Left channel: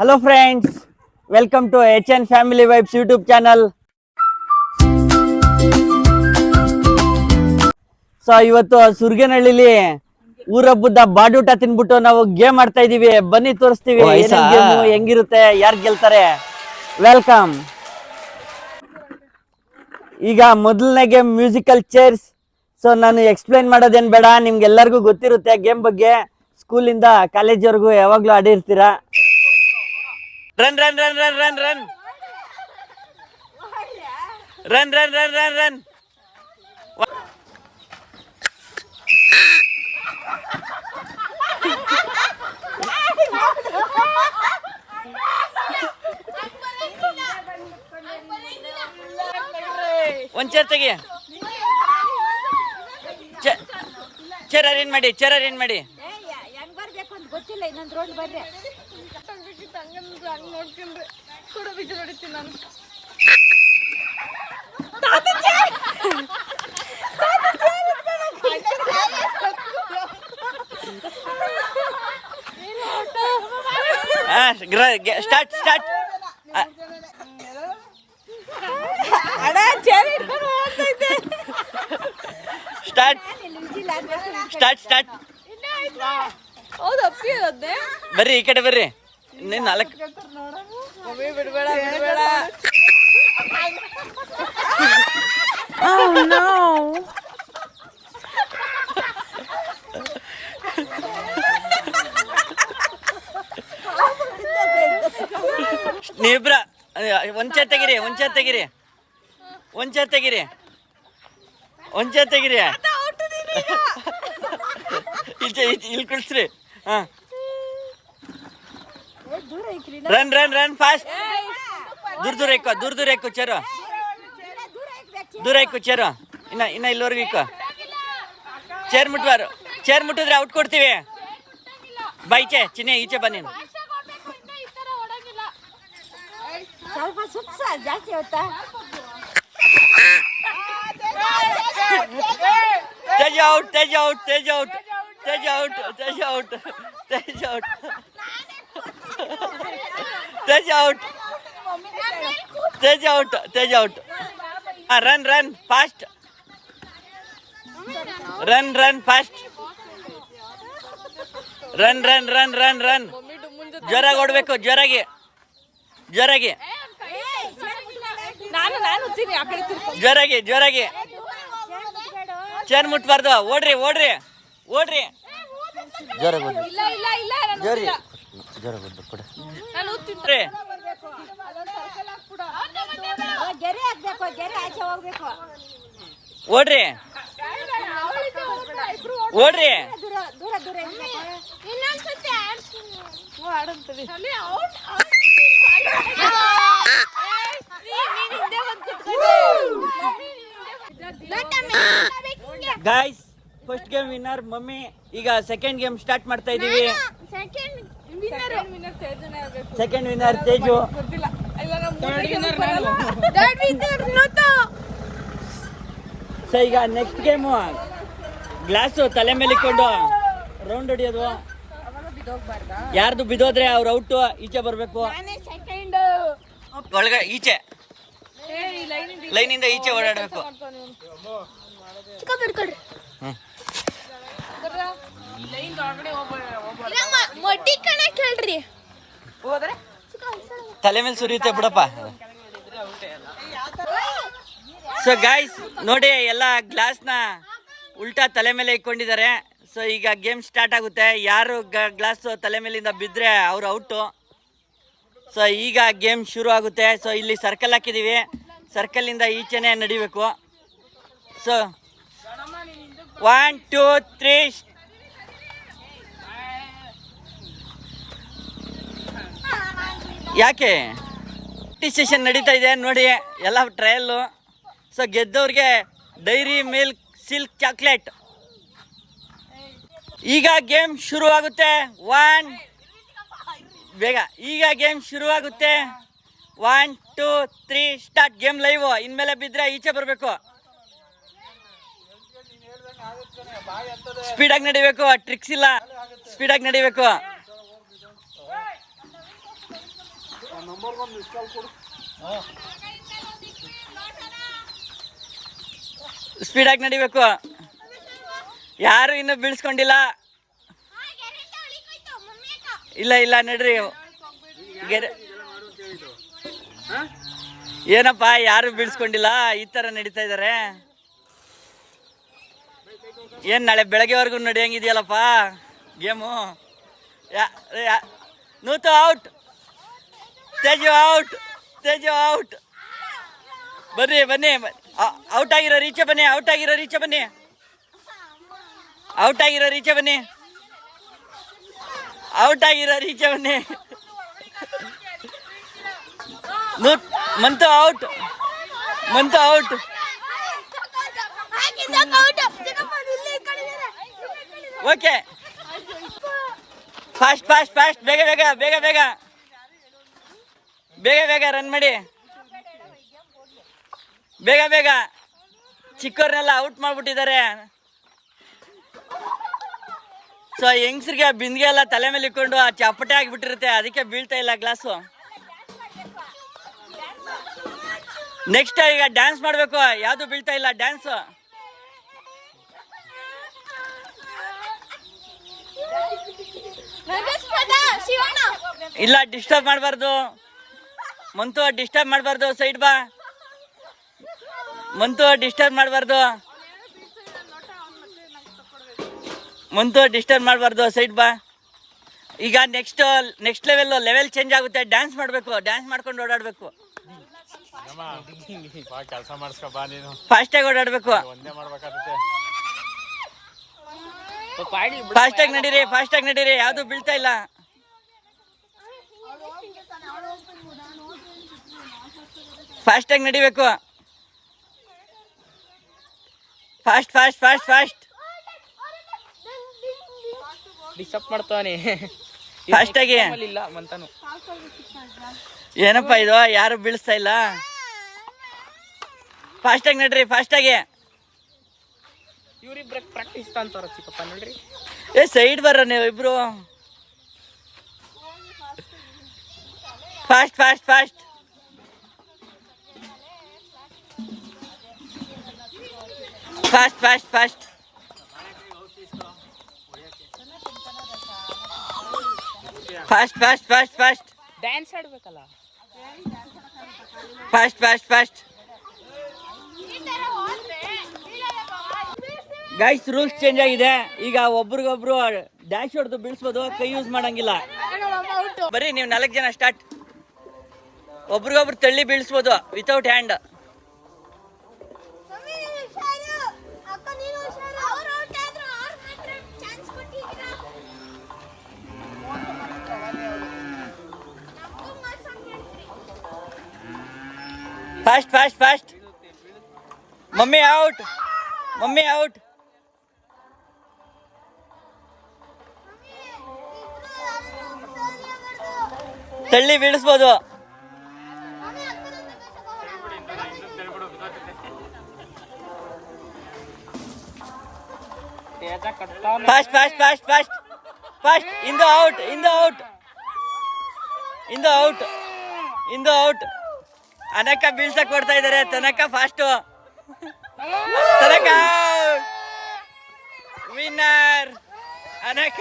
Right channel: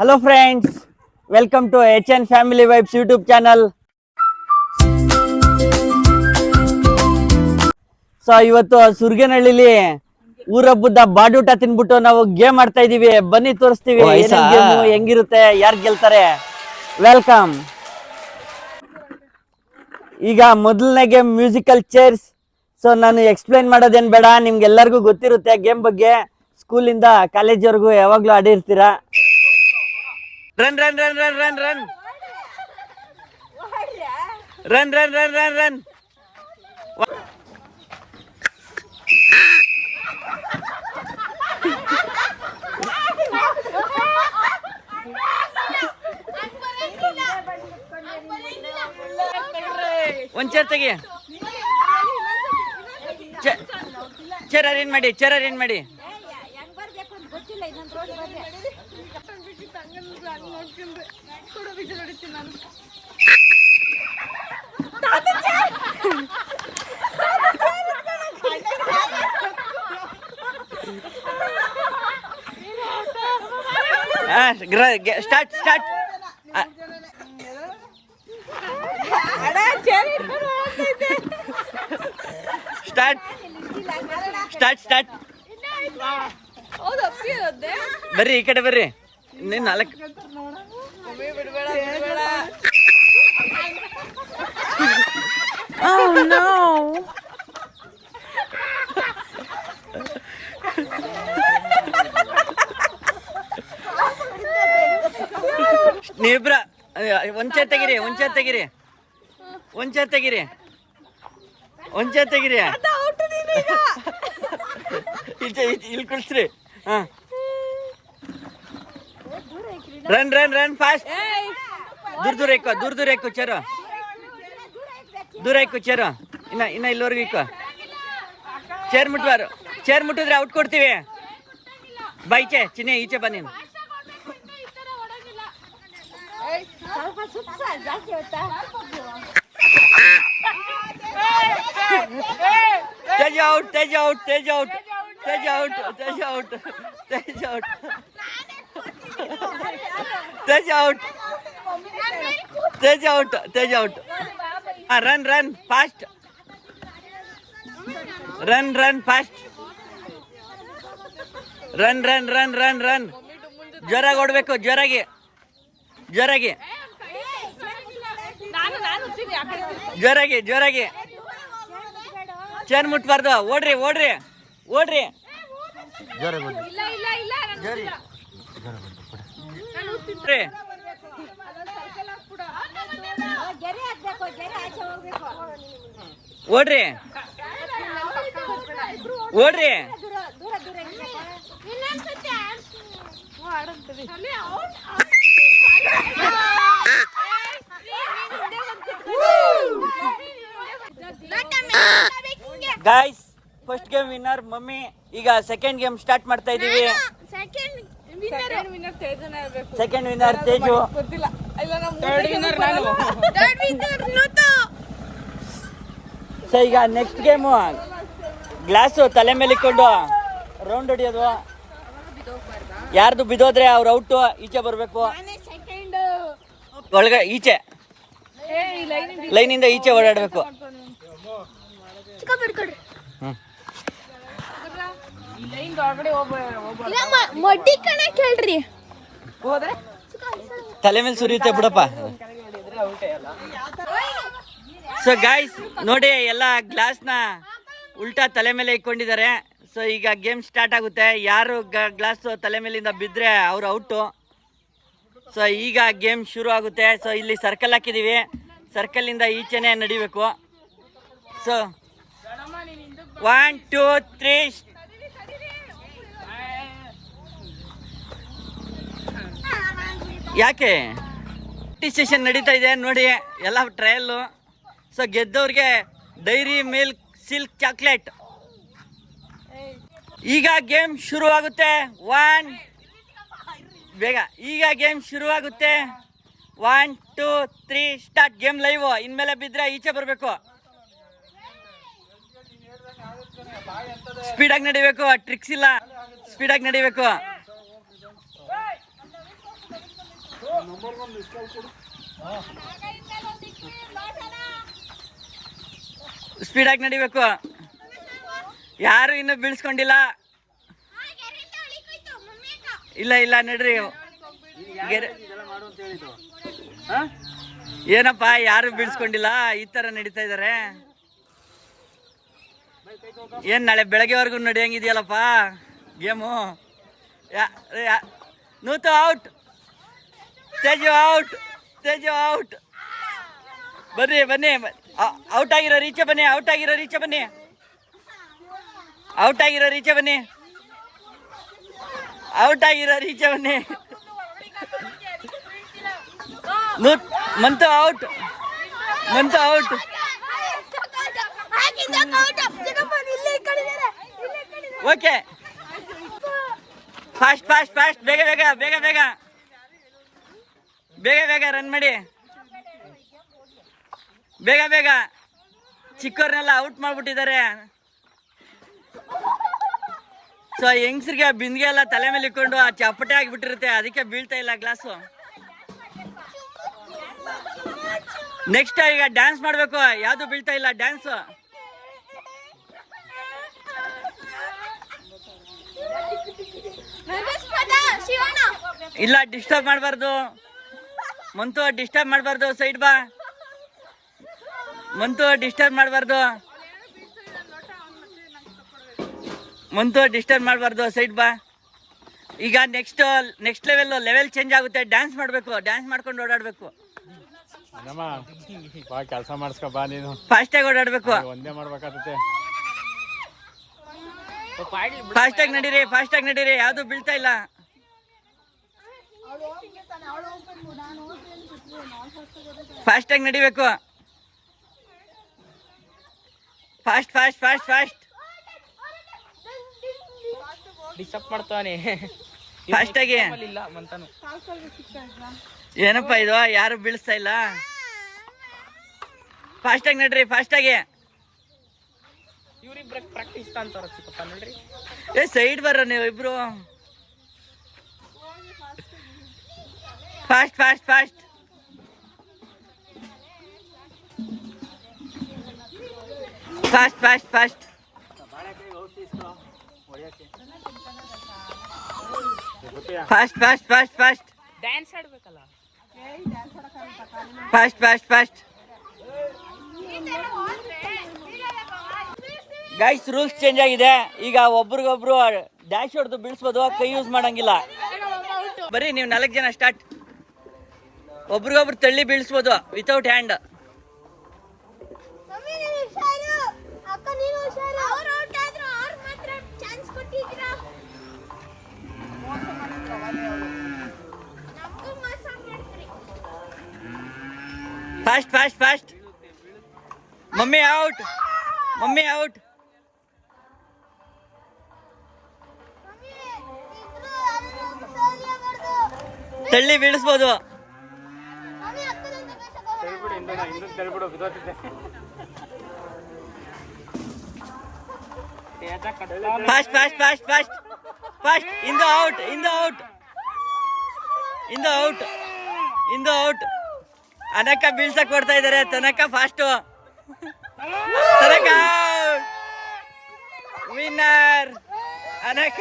Hello friends, welcome to HN Family Vibes YouTube channel. So ಇವತ್ತು ಸುರ್ಗನಹಳ್ಳಿಲಿ ಊರಬ್ಬದ ಬಾಡೂಟ ತಿನ್ಬಿಟ್ಟು ನಾವು game ಆಡ್ತಾ ಇದೀವಿ. ಬನ್ನಿ ತೋರಿಸ್ತೀವಿ ಗೇಮು ಹೆಂಗಿರುತ್ತೆ, ಯಾರು ಗೆಲ್ತಾರೆ. ವೆಲ್ಕಮ್. ಈಗ ಮೊದಲನೇ ಗೇಮ್ ಮ್ಯೂಸಿಕಲ್ ಚೇರ್ಸ್. ಸೊ ನಾನು ಎಕ್ಸ್ಪ್ಲೈನ್ ಮಾಡೋದೇನ್ ಬೇಡ, ನಿಮ್ಗೆಲ್ಲರಿಗೂ ಗೊತ್ತಿರುತ್ತೆ ಗೇಮ್ ಬಗ್ಗೆ. ಸ್ಕೂಲಿಂದ ಕಾಲೇಜ್ವರೆಗೂ ಯಾವಾಗ್ಲೂ ಆಡಿರ್ತೀರಾ. Run run run run run run run run run run run ಒಂದ್ ಚೇರ್ ತೆಗಿ. ಚೇರ್ ಅರೇಂಜ್ ಮಾಡಿ, ಚೇರ್ ಅರೇಂಜ್ ಮಾಡಿ. Start start start start start. ಬರ್ರಿ ಈ ಕಡೆ ಬರ್ರಿ. ನೀನ್ 4 Oh no! ನೀವಿಬ್ರ ಒಂದ್ ಚೇರ್ ತೆಗಿರಿ, ಒಂದ್ ಚೇರ್ ತೆಗಿರಿ, ಒಂದ್ ಚೇರ್ ತೆಗಿರಿ, ಒಂದ್ ಚೇರ್ ತೆಗಿರಿ. ಇಲ್ಲಿ ಕುಳ್ಸ್ರಿ. ಹಾ, ರನ್ ರನ್ ರನ್ ಫಾಸ್ಟ್. ದೂರ ದೂರ ಇಕ್ಕೋ, ದೂರ ದೂರ ಇಕ್ಕೋ ಚೇರು, ದೂರ ಇಕ್ಕೋ ಚೇರು. ಇನ್ನ ಇಲ್ಲಿವರೆಗೂ ಇಕ್ಕೋ. ಚೇರ್ ಮುಟ್ಬಾರು, ಚೇರ್ ಮುಟ್ಟಿದ್ರೆ ಔಟ್ ಕೊಡ್ತೀವಿ. ಬಾ ಈಚೆ, ಚಿನ್ನೆ ಈಚೆ ಬಾ ನೀನು. Tej out, Tej out, Tej out, Tej out, Tej out, Tej out, Tej out, Tej out, Tej out. Run run fast, run run fast, run run run run run. ಜೋರಾಗಿ ಓಡಬೇಕು, ಜೋರಾಗಿ ಜೋರಾಗಿ ಜೋರಾಗಿ ಜೋರಾಗಿ. ಚೇರ್ ಮುಟ್ಬಾರ್ದು. ಓಡ್ರಿ ಓಡ್ರಿ ಓಡ್ರಿ. ಜೋರಾಗಿ ಓಡ್ರಿ, ಜೋರಿ ಜೋರಾಗಿ ಓಡ್ರಿ. ಓಡ್ರಿ ಓಡ್ರಿ. Guys, first game winner mummy. ಈಗ ಸೆಕೆಂಡ್ ಗೇಮ್ ಸ್ಟಾರ್ಟ್ ಮಾಡ್ತಾ ಇದೀವಿ. Second winner Teju. ಸೊ ಈಗ ನೆಕ್ಸ್ಟ್ ಗೇಮು ಗ್ಲಾಸು ತಲೆ ಮೇಲೆ ಇಟ್ಕೊಂಡು ರೌಂಡ್ ಹೊಡಿಯೋದು. ಯಾರ್ದು ಬಿದ್ದೋದ್ರೆ ಅವ್ರ ಔಟು. ಈಚೆ ಬರ್ಬೇಕು, ಒಳಗೆ ಈಚೆ ಲೈನಿಂದ ಈಚೆ ಓಡಾಡ್ಬೇಕು. ತಲೆ ಮೇಲೆ ಸುರಿಯುತ್ತೆ ಬಿಡಪ್ಪ. ಸೊ ಗಾಯ್ಸ್ ನೋಡಿ, ಎಲ್ಲ ಗ್ಲಾಸ್ನ ಉಲ್ಟಾ ತಲೆ ಮೇಲೆ ಇಟ್ಕೊಂಡಿದ್ದಾರೆ. ಸೊ ಈಗ ಗೇಮ್ ಸ್ಟಾರ್ಟ್ ಆಗುತ್ತೆ. ಯಾರು ಗ್ಲಾಸ್ ತಲೆ ಮೇಲಿಂದ ಬಿದ್ದರೆ ಅವ್ರು ಔಟು. ಸೊ ಈಗ ಗೇಮ್ ಶುರು ಆಗುತ್ತೆ. ಸೊ ಇಲ್ಲಿ ಸರ್ಕಲ್ ಹಾಕಿದ್ದೀವಿ, ಸರ್ಕಲಿಂದ ಈಚೆನೆ ನಡಿಬೇಕು. ಸೊ 1 2 3. ಯಾಕೆ ಸೆಷನ್ ನಡೀತಾ ಇದೆ ನೋಡಿ, ಎಲ್ಲ ಟ್ರಯಲ್ಲು. ಸೊ ಗೆದ್ದವ್ರಿಗೆ ಡೈರಿ ಮಿಲ್ಕ್ ಸಿಲ್ಕ್ ಚಾಕ್ಲೇಟ್. ಈಗ ಗೇಮ್ ಶುರು ಆಗುತ್ತೆ. ಬೇಗ ಈಗ ಗೇಮ್ ಶುರು ಆಗುತ್ತೆ. 1 2 3 ಸ್ಟಾರ್ಟ್. Game live. ಇನ್ಮೇಲೆ ಬಿದ್ದರೆ ಈಚೆ ಬರಬೇಕು. ಸ್ಪೀಡಾಗಿ ನಡಿಬೇಕು, ಟ್ರಿಕ್ಸ್ ಇಲ್ಲ, ಸ್ಪೀಡಾಗಿ ನಡಿಬೇಕು. ಸ್ಪೀಡಾಗಿ ನಡಿಬೇಕು. ಯಾರು ಇನ್ನೂ ಬೀಳ್ಸ್ಕೊಂಡಿಲ್ಲ. ಇಲ್ಲ ಇಲ್ಲ ನಡ್ರಿ. ಏನಪ್ಪ ಯಾರು ಬೀಳ್ಸ್ಕೊಂಡಿಲ್ಲ, ಈ ತರ ನಡೀತಾ ಇದಾರೆ. ಏನ್ ನಾಳೆ ಬೆಳಗ್ಗೆವರೆಗೂ ನಡೆಯಂಗಿದೆಯಲ್ಲಪ್ಪ game. Nuthu out, Teju out, Teju out. ಬನ್ನಿ ಬನ್ನಿ, ಔಟ್ ಆಗಿರೋ ರೀಚೆ ಬನ್ನಿ, ಔಟ್ ಆಗಿರೋ ರೀಚೆ ಬನ್ನಿ, ಔಟ್ ಆಗಿರೋ ರೀಚೆ ಬನ್ನಿ, ಔಟ್ ಆಗಿರೋ ರೀಚೆ ಬನ್ನಿ. Month out, month out. Okay, fast fast fast, ಬೇಗ ಬೇಗ ಬೇಗ ಬೇಗ ಬೇಗ ಬೇಗ ರನ್ ಮಾಡಿ, ಬೇಗ ಬೇಗ. ಚಿಕ್ಕವ್ರನ್ನೆಲ್ಲ ಔಟ್ ಮಾಡ್ಬಿಟ್ಟಿದ್ದಾರೆ. ಸೊ ಹೆಂಗ್ಸ್ರಿಗೆ ಬಿಂದಿಗೆ ಎಲ್ಲ ತಲೆ ಮೇಲೆ ಇಟ್ಕೊಂಡು ಆ ಚಪ್ಪಟೆ ಆಗಿಬಿಟ್ಟಿರುತ್ತೆ, ಅದಕ್ಕೆ ಬೀಳ್ತಾ ಇಲ್ಲ ಗ್ಲಾಸು. ನೆಕ್ಸ್ಟ್ ಈಗ ಡ್ಯಾನ್ಸ್ ಮಾಡಬೇಕು. ಯಾವುದು ಬೀಳ್ತಾ ಇಲ್ಲ ಡ್ಯಾನ್ಸು. ಇಲ್ಲ ಡಿಸ್ಟರ್ಬ್ ಮಾಡಬಾರ್ದು ಮಂತು, ಡಿಸ್ಟರ್ಬ್ ಮಾಡಬಾರ್ದು. ಸೈಡ್ ಬಾ ಮಂತು, ಡಿಸ್ಟರ್ಬ್ ಮಾಡಬಾರ್ದು ಮಂತು, ಡಿಸ್ಟರ್ಬ್ ಮಾಡಬಾರ್ದು. ಸೈಡ್ ಬಾ. ಈಗ ನೆಕ್ಸ್ಟ್ ಲೆವೆಲ್ ಚೇಂಜ್ ಆಗುತ್ತೆ. ಡ್ಯಾನ್ಸ್ ಮಾಡಬೇಕು, ಡ್ಯಾನ್ಸ್ ಮಾಡ್ಕೊಂಡು ಓಡಾಡಬೇಕು. ಫಾಸ್ಟಾಗಿ ಓಡಾಡಬೇಕು, ಫಾಸ್ಟಾಗಿ ನಡೀರಿ, ಫಾಸ್ಟಾಗಿ ನಡೀರಿ. ಯಾವುದು ಬೀಳ್ತಾ ಇಲ್ಲ. ಫಾಸ್ಟಾಗಿ ನಡಿಬೇಕು. Fast fast fast fast. Disturb ಮಾಡ್ತಾನೆ ಫಾಸ್ಟಾಗಿ. ಏನಪ್ಪ ಇದು, ಯಾರು ಬೀಳಿಸ್ತಾ ಇಲ್ಲ. ಫಾಸ್ಟಾಗಿ ನಡ್ರಿ, ಫಾಸ್ಟಾಗಿ. ಇವ್ರಿಬ್ರ ಪ್ರಾಕ್ಟೀಸ್ ಅಂತಾರ ಚಿಕ್ಕಪ್ಪ ನೋಡ್ರಿ. ಏ ಸೈಡ್ ಬರ್ರ ನೀವು ಇಬ್ರು. Fast fast fast. Fast fast fast. Fast fast fast fast. Dance ಆಡ್ಬೇಕಲ್ಲ. Fast fast fast. Guys rules change ಆಗಿದೆ. ಈಗ ಒಬ್ರಿಗೊಬ್ರು ಡ್ಯಾಶ್ ಹೊಡೆದು ಬೀಳ್ಸ್ಬೋದು, ಕೈ ಯೂಸ್ ಮಾಡಂಗಿಲ್ಲ. ಬರೀ ನೀವು 4 ಜನ ಸ್ಟಾರ್ಟ್. ಒಬ್ರಿಗೊಬ್ರು ತಳ್ಳಿ ಬೀಳ್ಸ್ಬೋದು without hand. Fast fast fast. Mummy out, mummy out. ತಳ್ಳಿ ಬೀಳಿಸ್ಬೋದು. Fast fast fast fast fast. Indu out, Indu out, Indu out, Indu out. ಅನಕ ಬೀಳ್ಸಕ್ ಕೊಡ್ತಾ ಇದಾರೆ. ತನಕ ಫಾಸ್ಟು, ತನಕ ವಿನ್ನರ್ ಅನಕ.